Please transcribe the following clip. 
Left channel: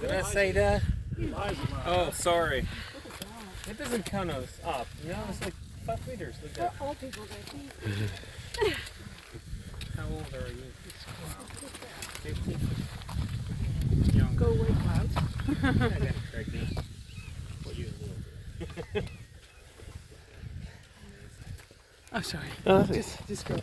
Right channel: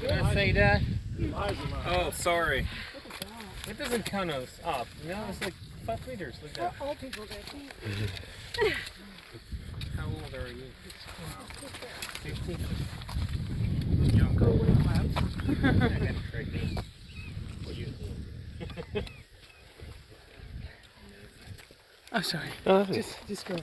Did I say that? Oh, sorry. It doesn't count us up. You know, it's like 5 meters. Look at that. All people that How old are you? 15. go with height. I got pregnant. What do you think? Oh, sorry. Oh, Just go.